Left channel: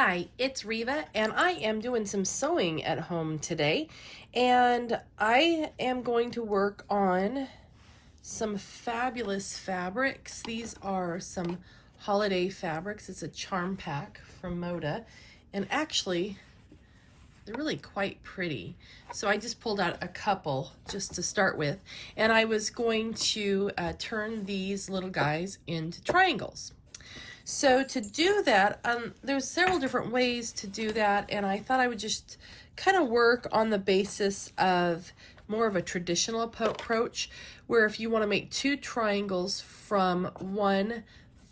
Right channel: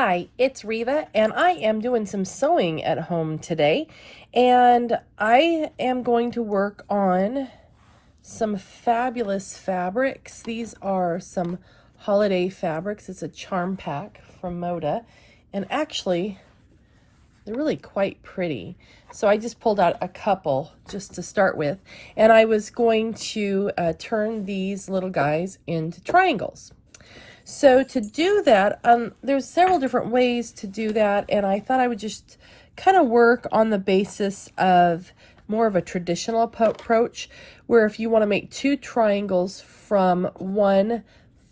Hi, it's Reva, and I am doing some sewing at home today. And I am going to work on some fabulous fabrics. These are some holiday fabrics. It's a charm pack from Moda. And actually, they're really quite pretty. So I just pulled out a couple just to start with. And I was going to turn these little guys into triangles. So to do that, there's several different ways to do that, and I thought I would just kind of work on the basis of more of a traditional approach, where if you want to make two triangles from one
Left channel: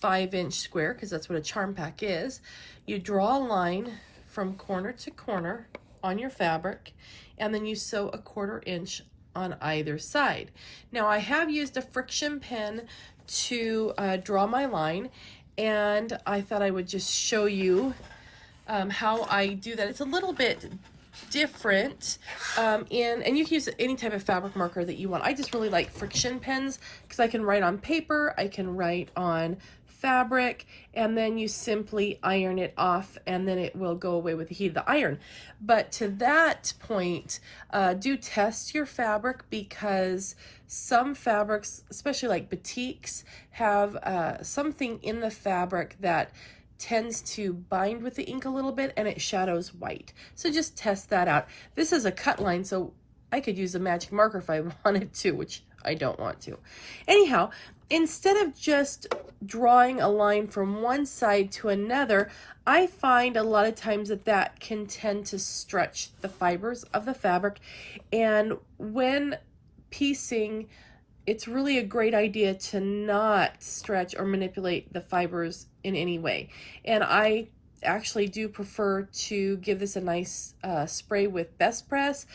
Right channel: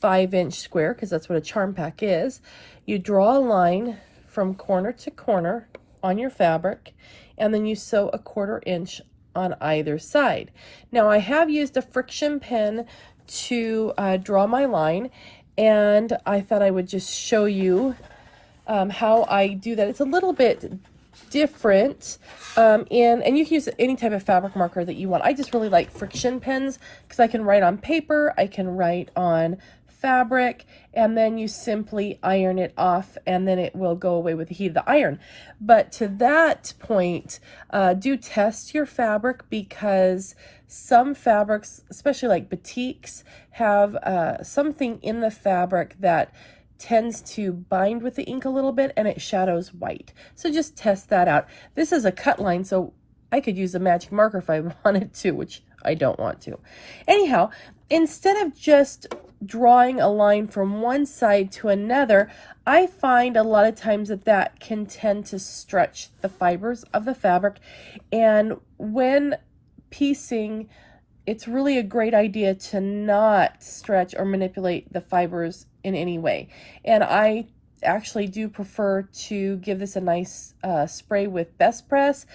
5-inch square, because that's what a charm pack is, you draw a line from corner to corner on your fabric, and then you sew a 1/4 inch on either side. Now I have used a friction pen to draw my line, and I thought I would just show you how I do that. It's a little bit different, and you can use any type of fabric marker that you want. I just really like friction pens because I can write on paper, I can write on fabric, and then you simply iron it off and then it will go away with the heat of the iron. But to that point, do test your fabric, because some fabrics, especially like batiks, have something in the fabric that tends to bind with the ink a little bit and it shadows white. So just test that out. This is a cut line, so I could use a magic marker if I wanted to, which I don't want to. Anyhow, instead of just drawing a line from one side to another, I find a lot of times that can tend to stretch the fibers of the fabric. And when piecing, it's really a great idea to not stretch or manipulate the fibers in any way. And I actually do prefer to give this a nice spray with Best Press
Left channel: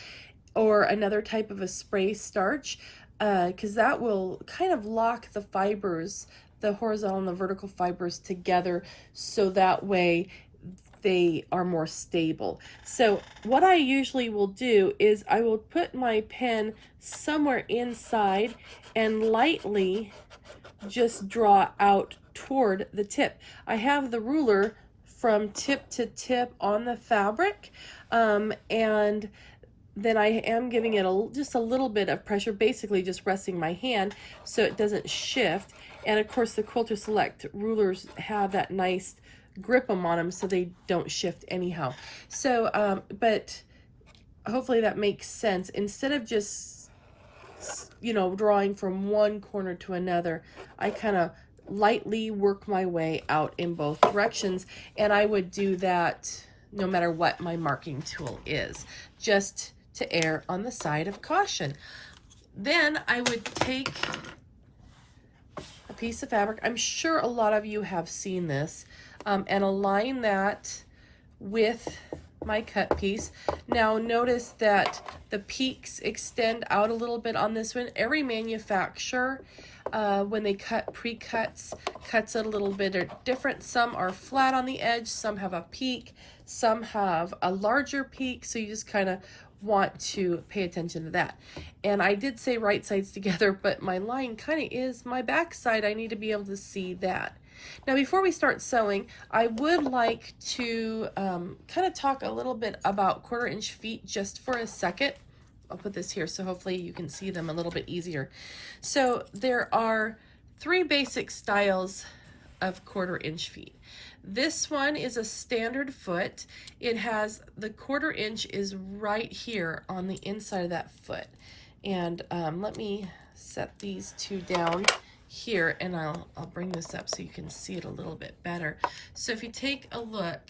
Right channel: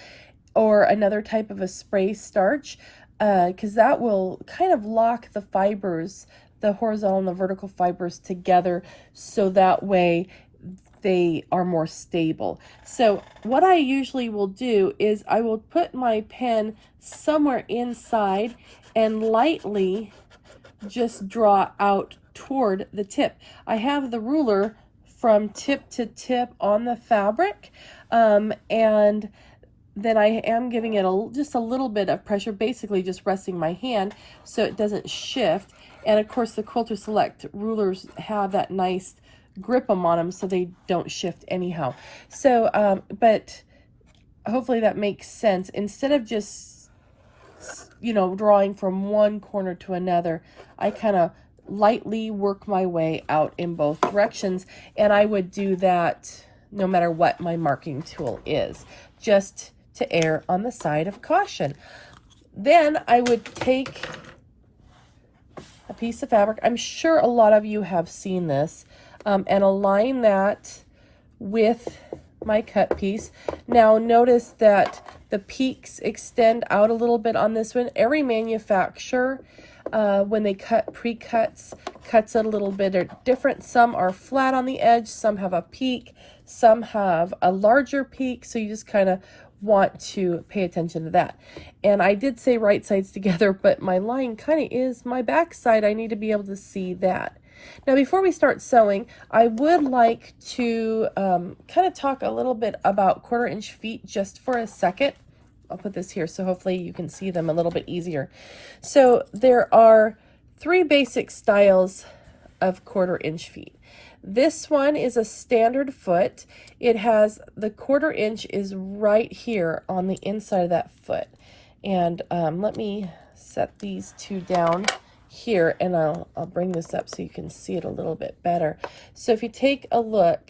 or another type of a spray starch, because that will kind of lock the fibers, the horizontal and the vertical fibers together, so that way they are more stable. So what I usually will do is I will put my pen somewhere inside and lightly just draw out toward the tip. I have the ruler from tip to tip on the fabric, and then I am giving it just a little bit of pressure, basically just resting my hand so it doesn't shift. And of course the Quilter Select rulers have that nice grip on them so they don't shift anyhow. So but hopefully that makes sense. Instead of just, you know, drawing from one corner to another, I kind of lightly work my way out in both directions, and I would do that no matter what my marking tool is, just to err on the side of caution. Then I would take a piece of fabric, I'm sure a lot of you have seen this, and align that with my cut piece. Now notice that the peaks extend out a little bit on this one. Every manufacturer, when they cut pre-cuts, cuts it a little bit different. Some are flat on the edge, some have a peak, some have a larger peak, so you just kind of want to pay attention to that. And I did say right sides together, but my line kind of is my back side. I need to be able to see that. Now before we start sewing, I would like to kind of talk a little bit about 1/4 inch feet just for a second. I'll put this here so hopefully you can see them a little bit easier. So there are 3 basic styles of 1/4 inch feet. This one is a standard foot. It has the 1/4 inch is right here on the inside of that foot. And let me set these two down here, and I'll bring this up so you can see it a little bit better. So if you take a look,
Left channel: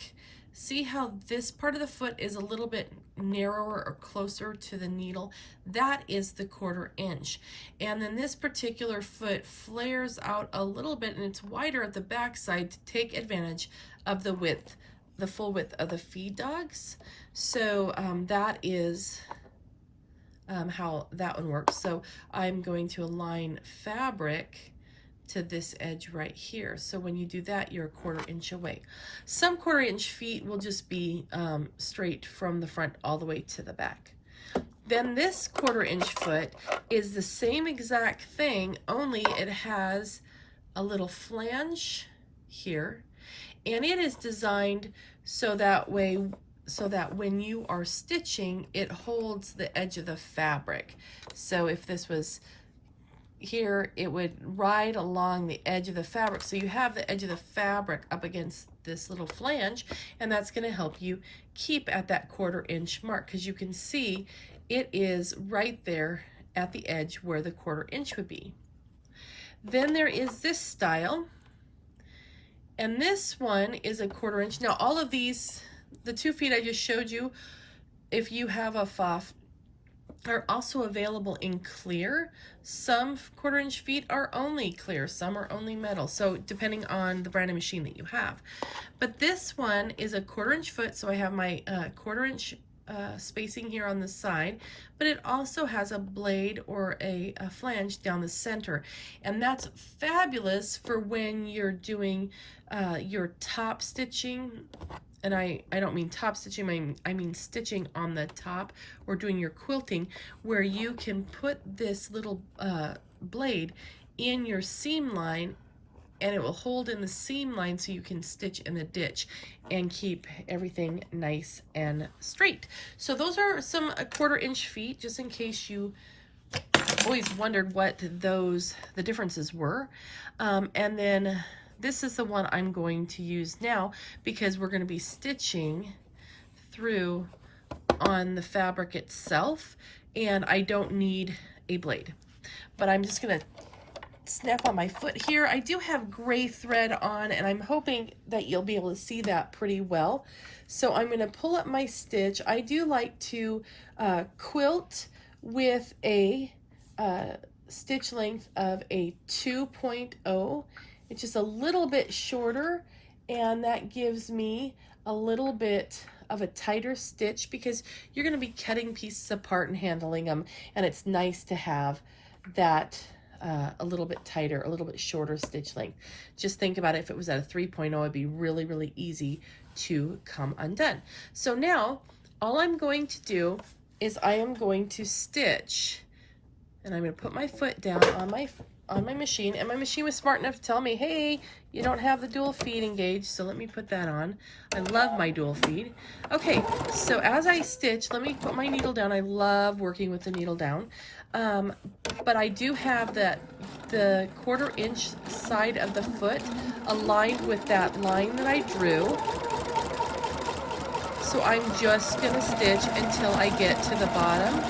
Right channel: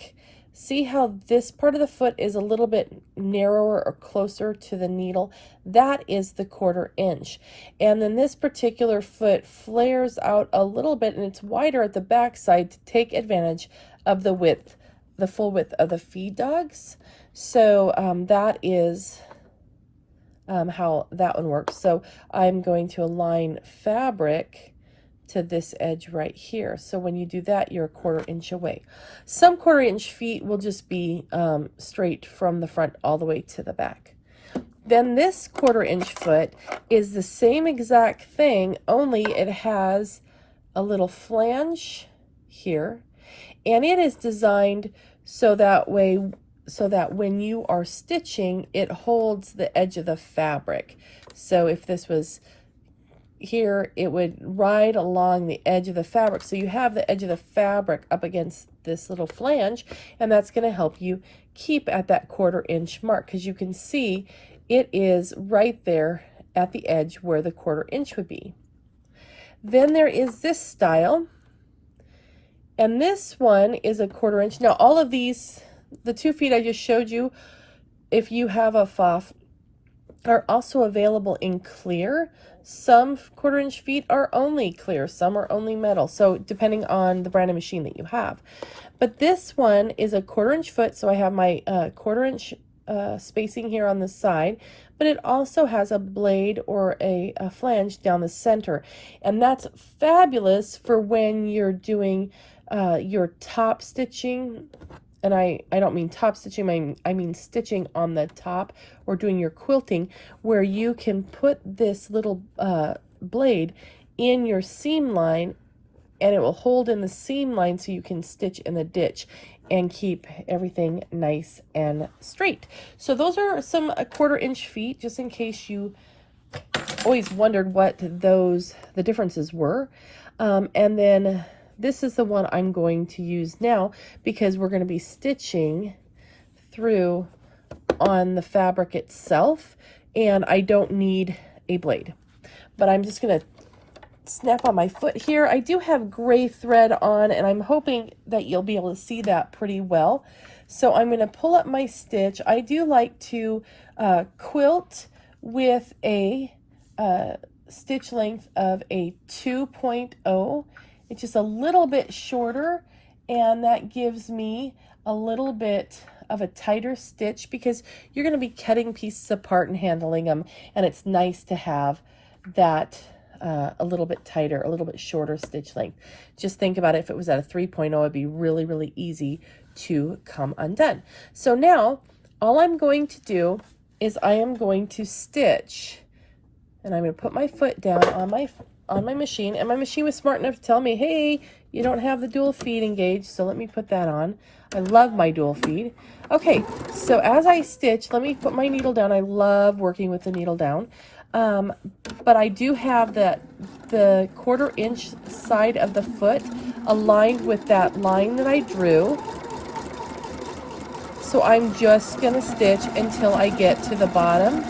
see how this part of the foot is a little bit narrower or closer to the needle? That is the 1/4 inch. And then this particular foot flares out a little bit, and it's wider at the back side to take advantage of the width, the full width of the feed dogs. So that is how that one works. So I'm going to align fabric to this edge right here. So when you do that, you're a 1/4 inch away. Some 1/4 inch feet will just be straight from the front all the way to the back. Then this 1/4 inch foot is the same exact thing, only it has a little flange here, and it is designed so that when you are stitching, it holds the edge of the fabric. So if this was here, it would ride along the edge of the fabric. So you have the edge of the fabric up against this little flange, and that's going to help you keep at that 1/4 inch mark, because you can see it is right there at the edge where the 1/4 inch would be. Then there is this style, and this one is a 1/4 inch. Now all of these, the 2 feet I just showed you, if you have a FOF, are also available in clear. Some 1/4 inch feet are only clear, some are only metal, so depending on the brand of machine that you have. But this one is a 1/4 inch foot, so I have my 1/4 inch spacing here on the side, but it also has a blade or a flange down the center, and that's fabulous for when you're doing your top stitching. And I don't mean top stitching, I mean stitching on the top, or doing your quilting, where you can put this little blade in your seam line, and it will hold in the seam line so you can stitch in the ditch and keep everything nice and straight. So those are some 1/4 inch feet, just in case you always wondered what the differences were. And then this is the one I'm going to use now, because we're going to be stitching through on the fabric itself, and I don't need a blade. But I'm just going to snap on my foot here. I do have gray thread on, and I'm hoping that you'll be able to see that pretty well. So I'm going to pull up my stitch. I do like to quilt with a stitch length of a 2.0. It's just a little bit shorter, and that gives me a little bit of a tighter stitch, because you're going to be cutting pieces apart and handling them, and it's nice to have that a little bit tighter, a little bit shorter stitch length. Just think about it, if it was at a 3.0, it'd be really, really easy to come undone. So now all I'm going to do is I am going to stitch, and I'm going to put my foot down on my machine, and my machine was smart enough to tell me, hey, you don't have the dual feed engaged, so let me put that on. I love my dual feed. Okay, so as I stitch, let me put my needle down. I love working with the needle down. But I do have the 1/4 inch side of the foot aligned with that line that I drew. So I'm just going to stitch until I get to the bottom.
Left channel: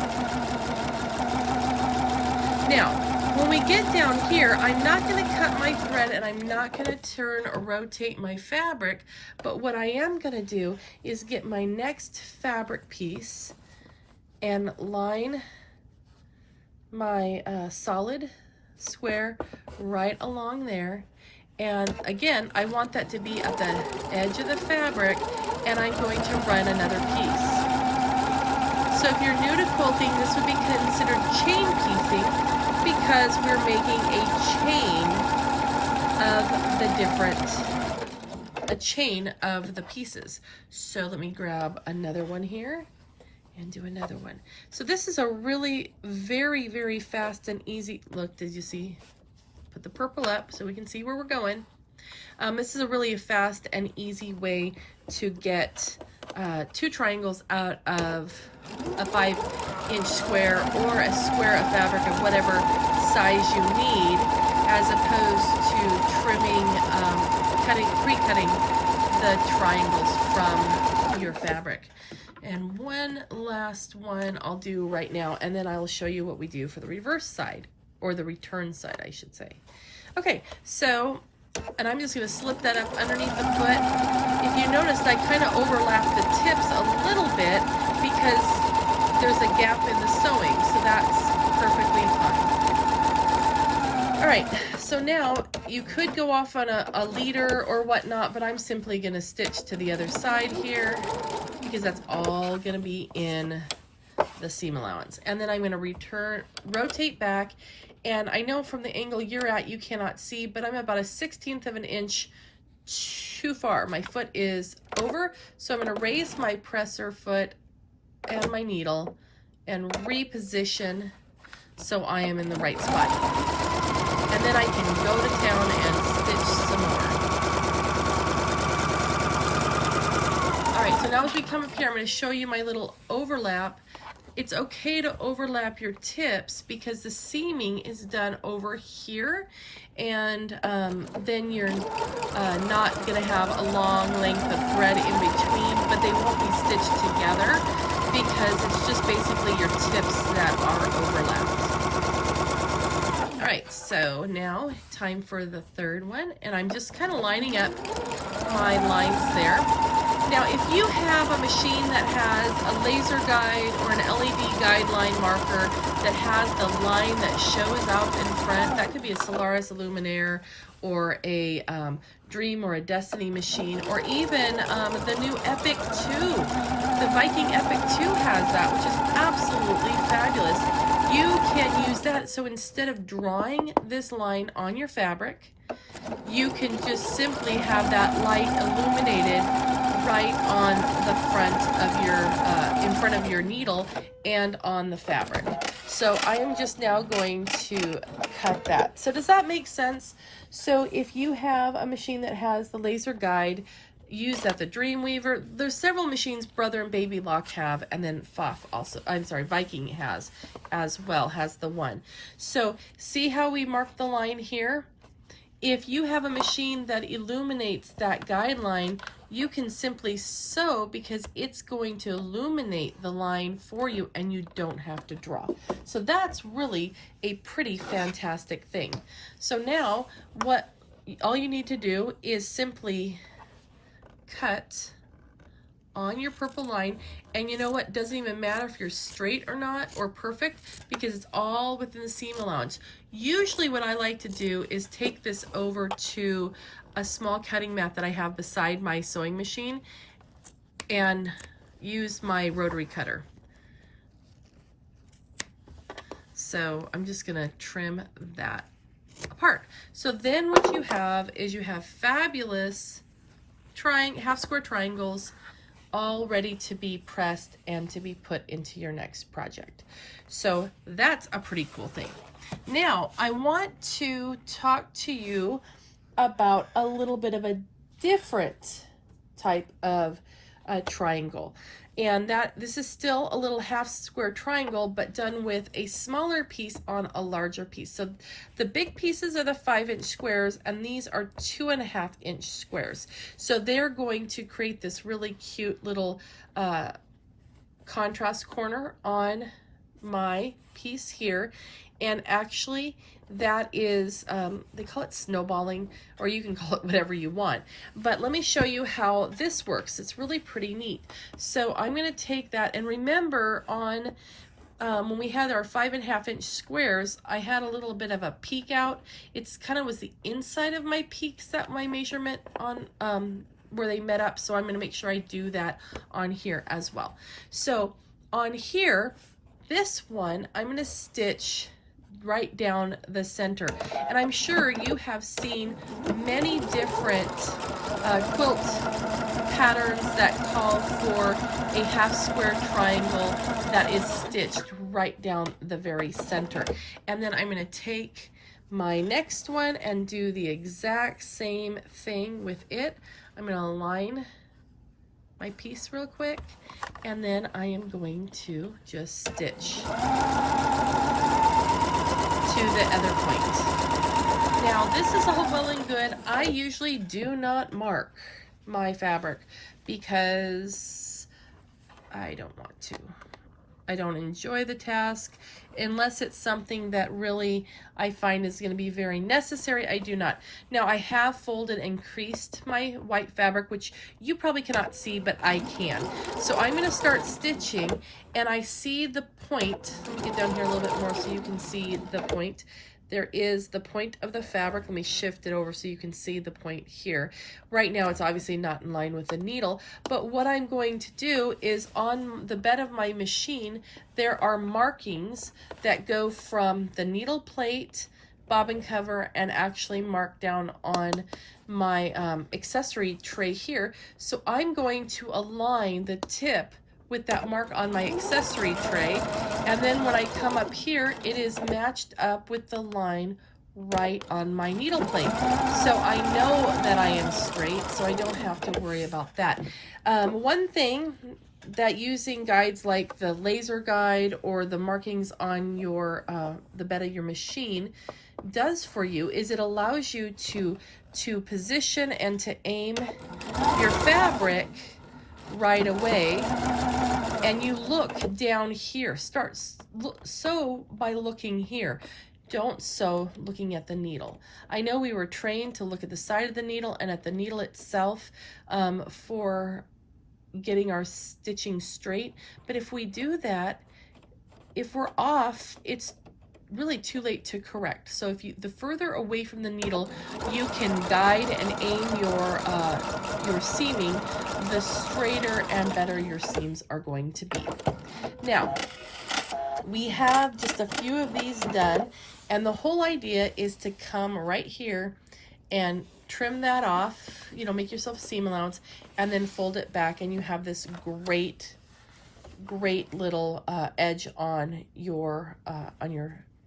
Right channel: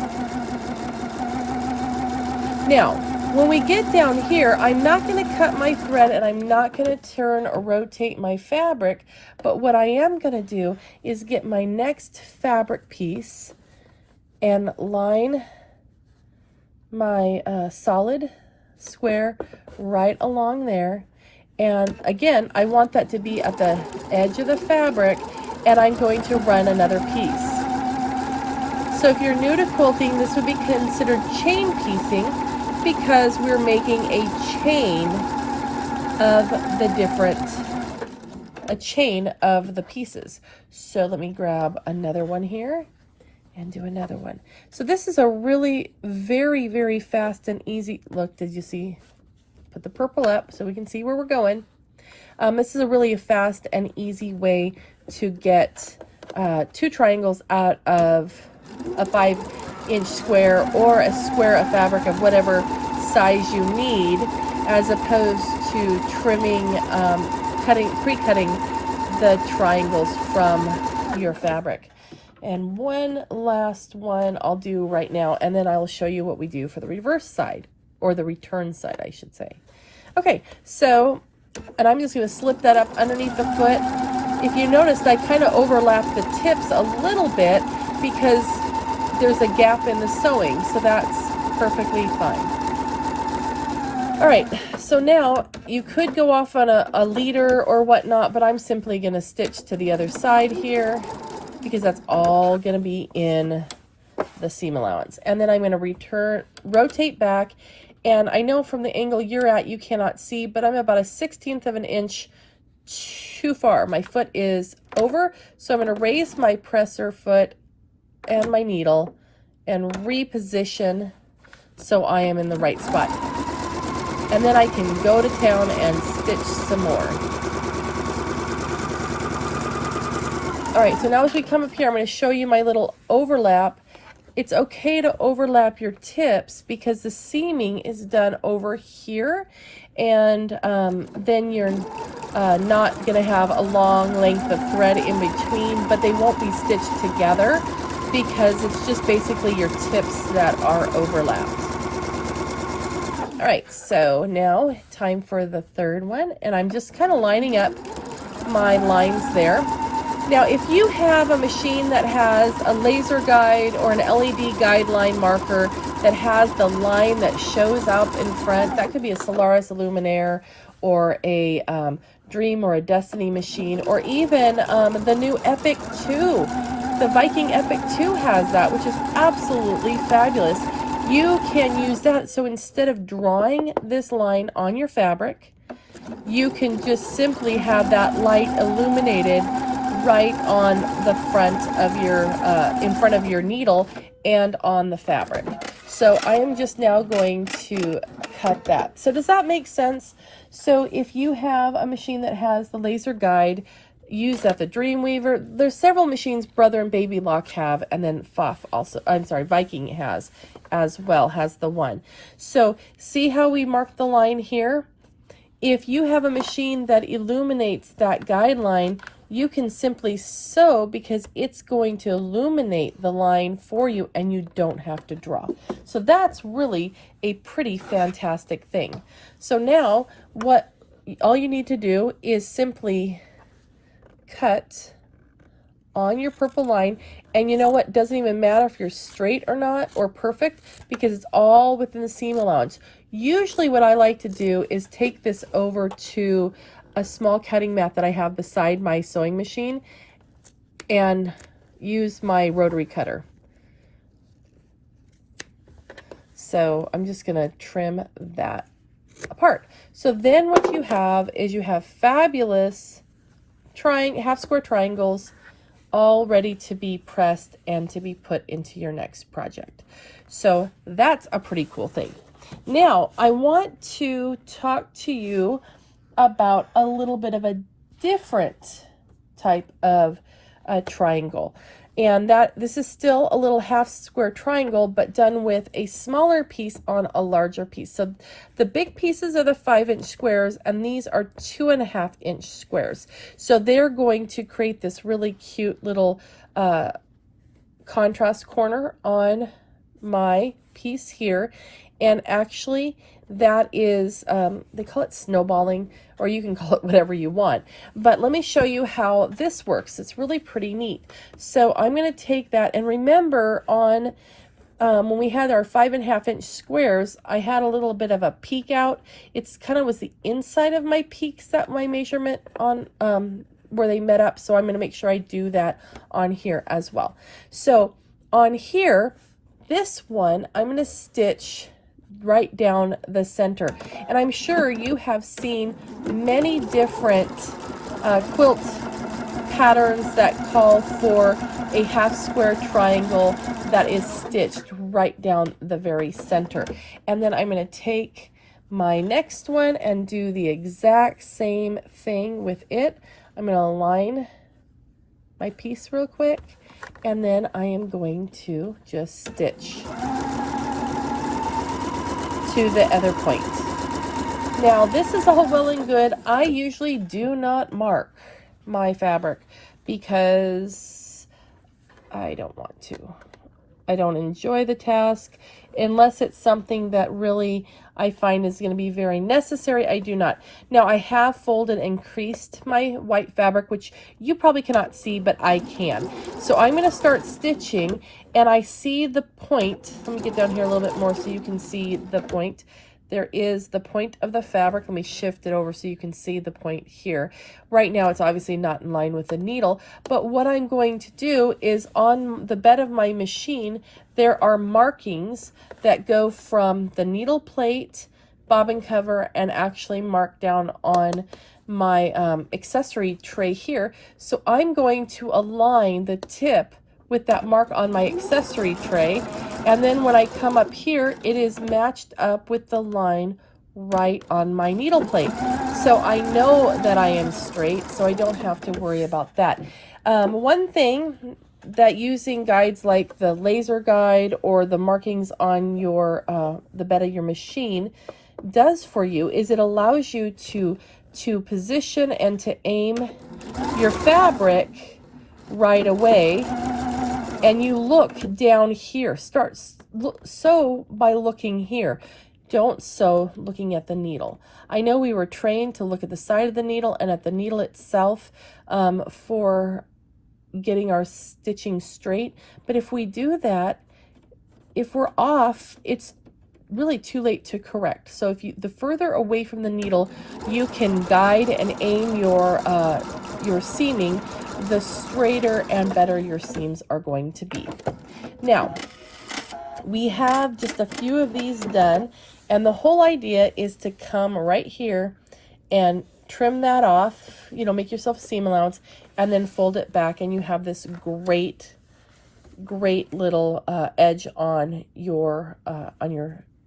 Now, when we get down here, I'm not going to cut my thread, and I'm not going to turn or rotate my fabric, but what I am going to do is get my next fabric piece and line my solid square right along there. And again, I want that to be at the edge of the fabric, and I'm going to run another piece. So if you're new to quilting, this would be considered chain piecing, because we're making a chain of the pieces. So let me grab another one here and do another one. So this is a really very, very fast and easy look. Did you see? Put the purple up so we can see where we're going. This is a really fast and easy way to get 2 triangles out of a 5-inch square, or a square of fabric of whatever size you need, as opposed to trimming, pre-cutting the triangles from your fabric. And one last one I'll do right now, and then I'll show you what we do for the reverse side, or the return side, I should say. Okay, so, and I'm just going to slip that up underneath the foot. If you noticed, I kind of overlapped the tips a little bit, because there's a gap in the sewing, so that's perfectly fine. All right, so now you could go off on a leader or whatnot, but I'm simply going to stitch to the other side here, because that's all going to be in the seam allowance. And then I'm going to rotate back, and I know from the angle you're at you cannot see, but I'm about a 1/16 of an inch too far. My foot is over, so I'm going to raise my presser foot and my needle and reposition so I am in the right spot. And then I can go to town and stitch some more. All right, so now as we come up here, I'm going to show you my little overlap. It's okay to overlap your tips because the seaming is done over here, and then you're not going to have a long length of thread in between, but they won't be stitched together because it's just basically your tips that are overlapped. All right, so now time for the third one, and I'm just kind of lining up my lines there. Now, if you have a machine that has a laser guide or an LED guideline marker that has the line that shows up in front, that could be a Solaris Illuminaire or a Dream or a Destiny machine, or even the new Epic 2. The Viking Epic 2 has that, which is absolutely fabulous. You can use that, so instead of drawing this line on your fabric, you can just simply have that light illuminated right on the front of your, in front of your needle and on the fabric. So I am just now going to cut that. So does that make sense? So if you have a machine that has the laser guide, use that. The Dreamweaver, there's several machines Brother and Baby Lock have, and then Pfaff also, I'm sorry, Viking has as well, has the one. So see how we mark the line here? If you have a machine that illuminates that guideline, you can simply sew because it's going to illuminate the line for you and you don't have to draw. So that's really a pretty fantastic thing. So now all you need to do is simply cut on your purple line, and you know what, it doesn't even matter if you're straight or not or perfect because it's all within the seam allowance. Usually what I like to do is take this over to a small cutting mat that I have beside my sewing machine and use my rotary cutter. So I'm just gonna trim that apart. So then what you have is you have fabulous half square triangles all ready to be pressed and to be put into your next project. So that's a pretty cool thing. Now I want to talk to you about a little bit of a different type of triangle, and this is still a little half square triangle but done with a smaller piece on a larger piece. So the big pieces are the 5-inch squares and these are 2.5-inch squares. So they're going to create this really cute little contrast corner on my piece here. And actually that is, they call it snowballing, or you can call it whatever you want. But let me show you how this works. It's really pretty neat. So I'm going to take that, and remember on when we had our 5.5-inch squares, I had a little bit of a peek out. It's kind of was the inside of my peaks that my measurement on where they met up. So I'm going to make sure I do that on here as well. So on here, this one, I'm going to stitch right down the center, and I'm sure you have seen many different quilt patterns that call for a half square triangle that is stitched right down the very center. And then I'm going to take my next one and do the exact same thing with it. I'm going to align my piece real quick, and then I am going to just stitch to the other point. Now this is all well and good. I usually do not mark my fabric because I don't want to. I don't enjoy the task unless it's something that really I find is going to be very necessary. I do not. Now I have folded and creased my white fabric, which you probably cannot see, but I can. So I'm going to start stitching, and I see the point. Let me get down here a little bit more so you can see the point. There is the point of the fabric. Let me shift it over so you can see the point here. Right now it's obviously not in line with the needle, but what I'm going to do is on the bed of my machine, there are markings that go from the needle plate, bobbin cover, and actually mark down on my accessory tray here. So I'm going to align the tip with that mark on my accessory tray, and then when I come up here, it is matched up with the line right on my needle plate. So I know that I am straight, so I don't have to worry about that. One thing that using guides like the laser guide or the markings on your the bed of your machine does for you is it allows you to position and to aim your fabric right away, and you look down here. Sew by looking here. Don't sew looking at the needle. I know we were trained to look at the side of the needle and at the needle itself for getting our stitching straight, but if we do that, if we're off, it's really too late to correct. So if you, the further away from the needle you can guide and aim your seaming, the straighter and better your seams are going to be. Now, we have just a few of these done, and the whole idea is to come right here and trim that off, you know, make yourself a seam allowance, and then fold it back, and you have this great little edge on your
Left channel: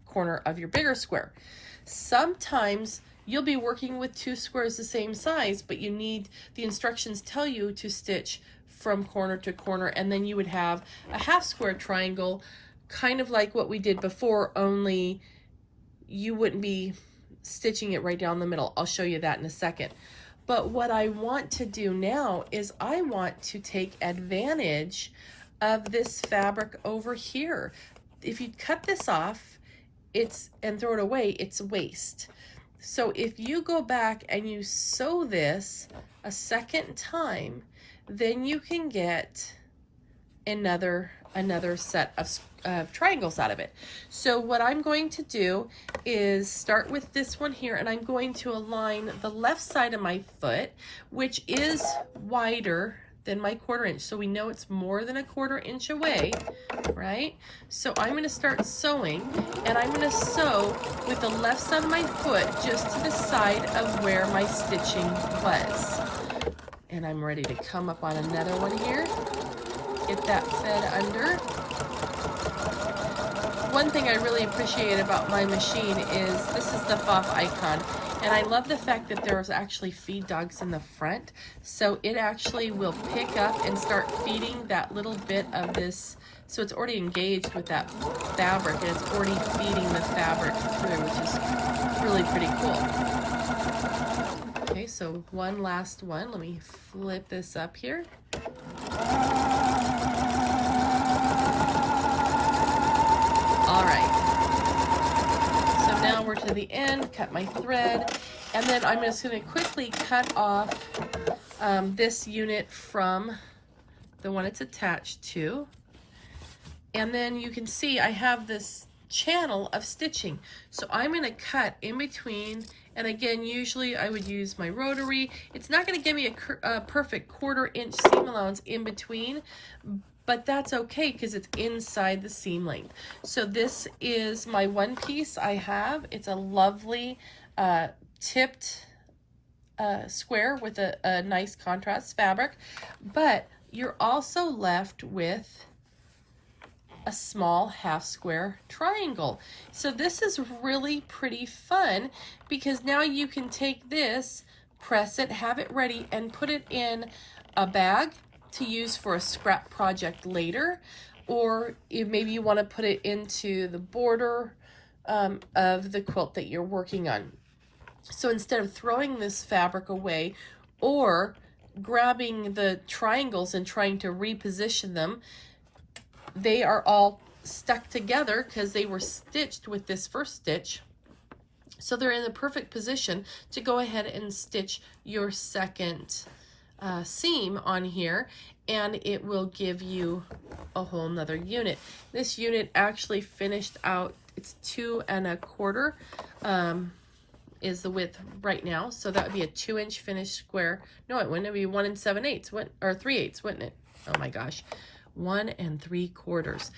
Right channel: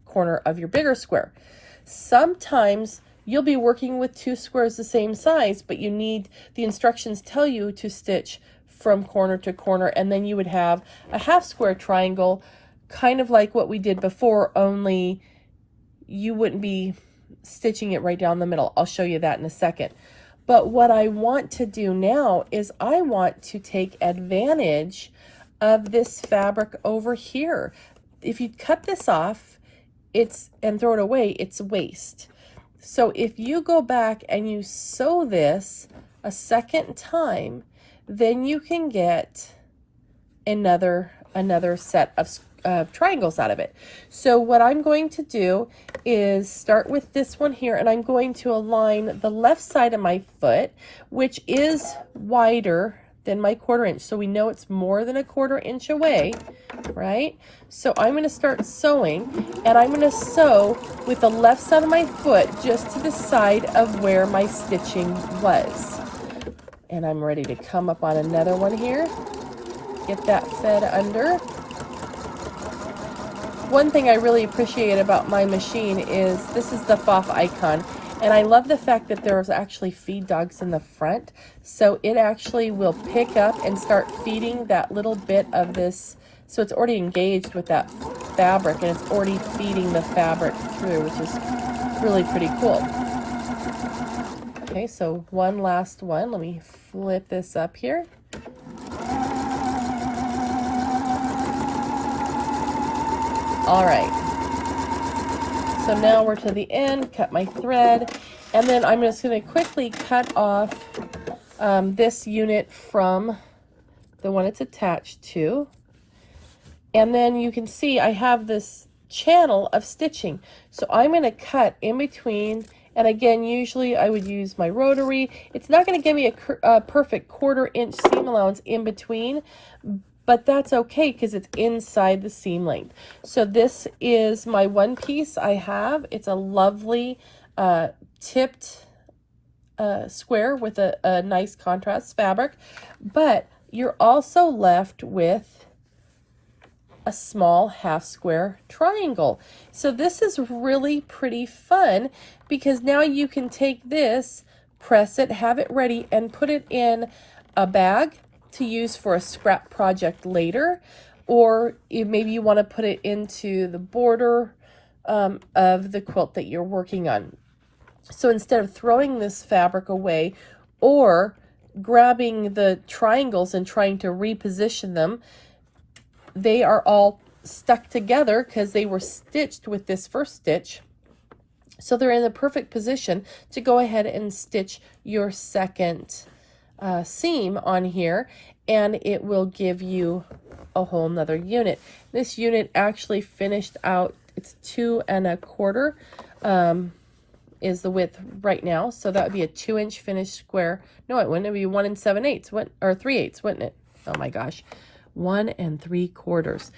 corner of your bigger square. Sometimes you'll be working with two squares the same size, but you need, the instructions tell you to stitch from corner to corner, and then you would have a half square triangle, kind of like what we did before, only you wouldn't be stitching it right down the middle. I'll show you that in a second. But what I want to do now is I want to take advantage of this fabric over here. If you cut this off and throw it away, it's waste. So if you go back and you sew this a second time, then you can get another set of triangles out of it. So what I'm going to do is start with this one here, and I'm going to align the left side of my foot, which is wider than my 1/4 inch. So we know it's more than a 1/4 inch away, right? So I'm going to start sewing, and I'm going to sew with the left side of my foot just to the side of where my stitching was. And I'm ready to come up on another one here. Get that fed under. One thing I really appreciate about my machine is this is the FOF icon, and I love the fact that there's actually feed dogs in the front, so it actually will pick up and start feeding that little bit of this. So it's already engaged with that fabric, and it's already feeding the fabric through, which is really pretty cool. Okay, so one last one. Let me flip this up here. All right, so now we're to the end, cut my thread, and then I'm just going to quickly cut off this unit from the one it's attached to. And then you can see I have this channel of stitching. So I'm going to cut in between, and again, usually I would use my rotary. It's not going to give me a perfect 1/4 inch seam allowance in between, but that's okay because it's inside the seam length. So this is my one piece I have. It's a lovely tipped square with a nice contrast fabric, but you're also left with a small half square triangle. So this is really pretty fun because now you can take this, press it, have it ready, and put it in a bag to use for a scrap project later, or maybe you want to put it into the border of the quilt that you're working on. So instead of throwing this fabric away or grabbing the triangles and trying to reposition them, they are all stuck together because they were stitched with this first stitch. So they're in the perfect position to go ahead and stitch your second seam on here, and it will give you a whole nother unit. This unit actually finished out, it's 2 1/4 is the width right now, so that would be a 2 inch finished square. No, it wouldn't. It would be 1 7/8 or 3/8, wouldn't it? Oh my gosh, 1 3/4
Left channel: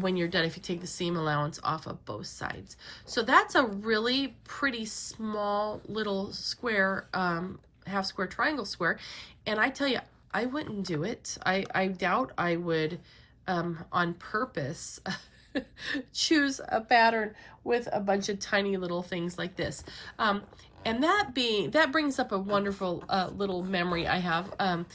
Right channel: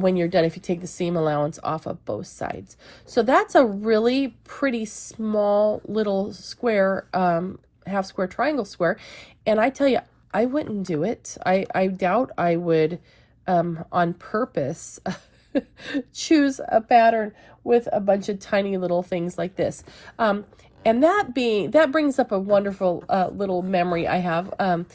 when you're done, if you take the seam allowance off of both sides. So that's a really pretty small little square, half square triangle square, and I tell you, I wouldn't do it. I doubt I would on purpose choose a pattern with a bunch of tiny little things like this. And that brings up a wonderful little memory I have.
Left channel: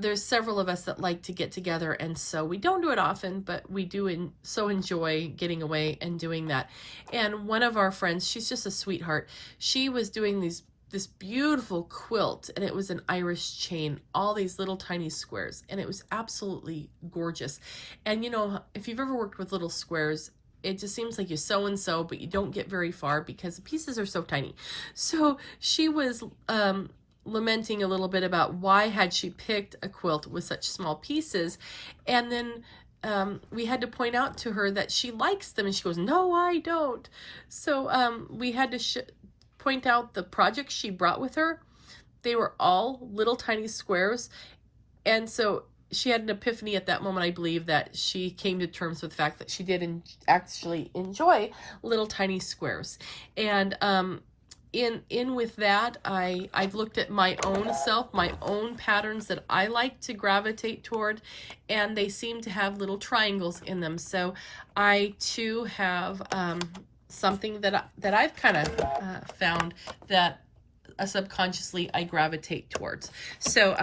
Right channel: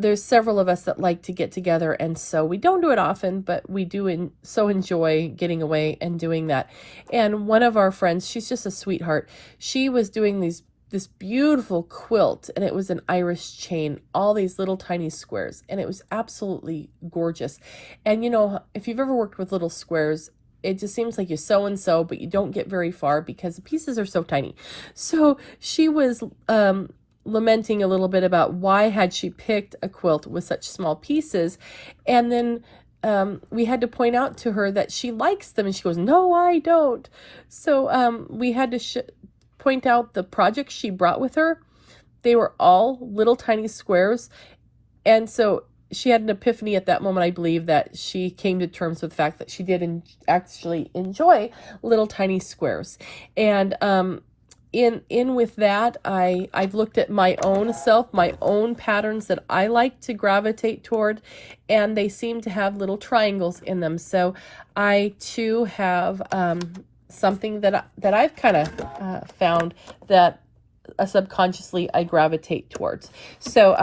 There's several of us that like to get together and sew. We don't do it often, but we do so enjoy getting away and doing that. And one of our friends, she's just a sweetheart. She was doing this beautiful quilt, and it was an Irish chain, all these little tiny squares, and it was absolutely gorgeous. And you know, if you've ever worked with little squares, it just seems like you sew and sew, but you don't get very far because the pieces are so tiny. So she was lamenting a little bit about why had she picked a quilt with such small pieces, and then we had to point out to her that she likes them, and she goes, "No, I don't." So we had to point out the projects she brought with her. They were all little tiny squares, and so she had an epiphany at that moment, I believe, that she came to terms with the fact that she did actually enjoy little tiny squares. And in with that, I've looked at my own self, my own patterns that I like to gravitate toward, and they seem to have little triangles in them. So I too have something that I've kind of found that subconsciously I gravitate towards. So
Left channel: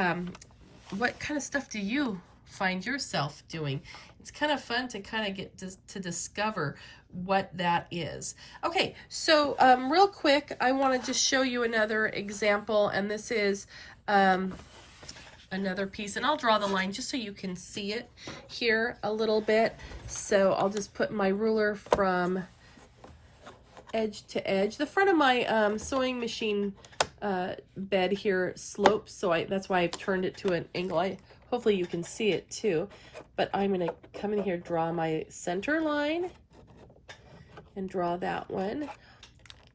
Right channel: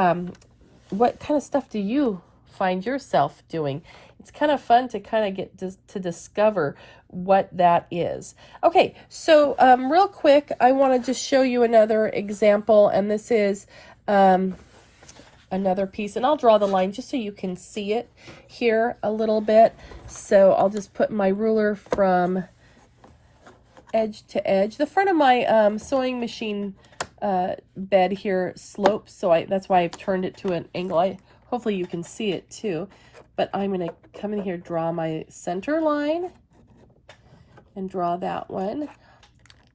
what kind of stuff do you find yourself doing? It's kind of fun to kind of get to discover what that is. Okay, so real quick, I want to just show you another example, and this is another piece, and I'll draw the line just so you can see it here a little bit. So I'll just put my ruler from edge to edge. The front of my sewing machine bed here slopes, so that's why I've turned it to an angle. Hopefully you can see it too, but I'm going to come in here, draw my center line, and draw that one.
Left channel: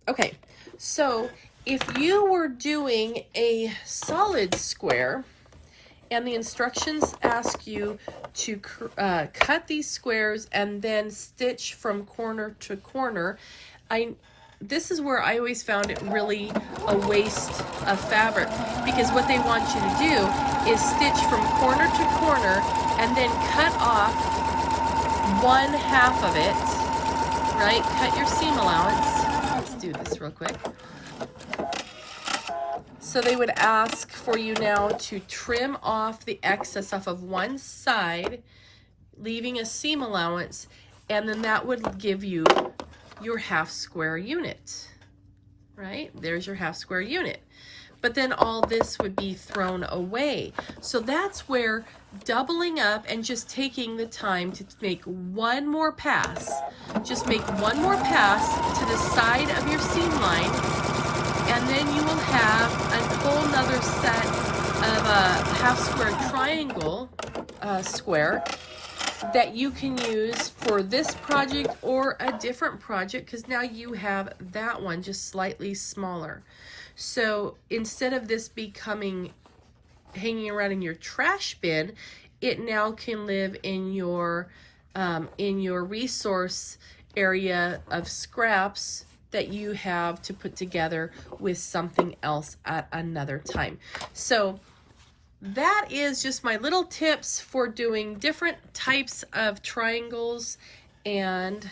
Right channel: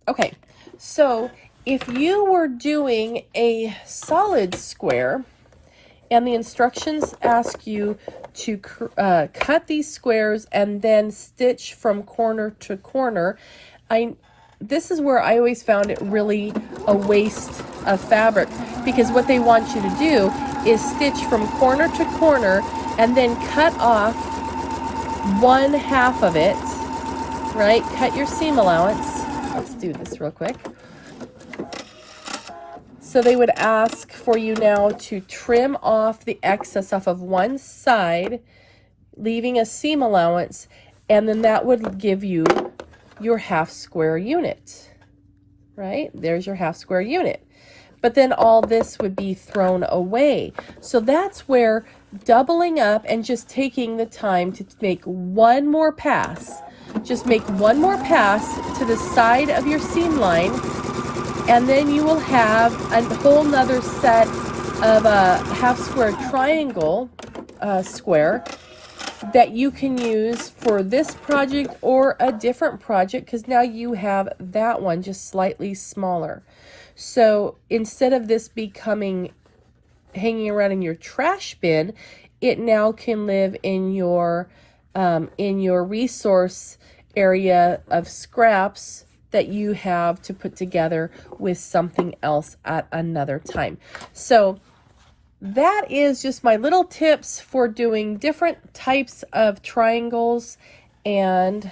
Okay, so if you were doing a solid square and the instructions ask you to cut these squares and then stitch from corner to corner, this is where I always found it really a waste of fabric, because what they want you to do is stitch from corner to corner and then cut off one half of it, right? Cut your seam allowance. Let's do this real quick. So they would ask for you now to trim off the excess off of one side, leaving a seam allowance, and then that would give you your half square unit, right? There's your half square unit. But then all this would be thrown away. So that's where doubling up and just taking the time to make one more pass, just make one more pass to the side of your seam line, and then you will have a whole nother set of a half square triangle square that you can use for this project or a different project, because now you have that one just slightly smaller. So instead of this becoming hanging around in your trash bin, it now can live in your resource area of scraps that you have to put together with something else at another time. So that is just my little tips for doing different types of triangles and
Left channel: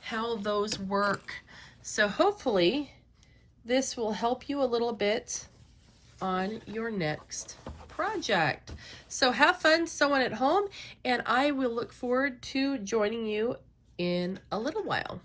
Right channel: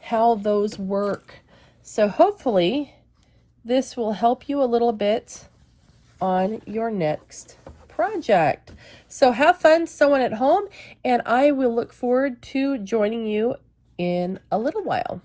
how those work. So hopefully this will help you a little bit on your next project. So have fun sewing at home, and I will look forward to joining you in a little while.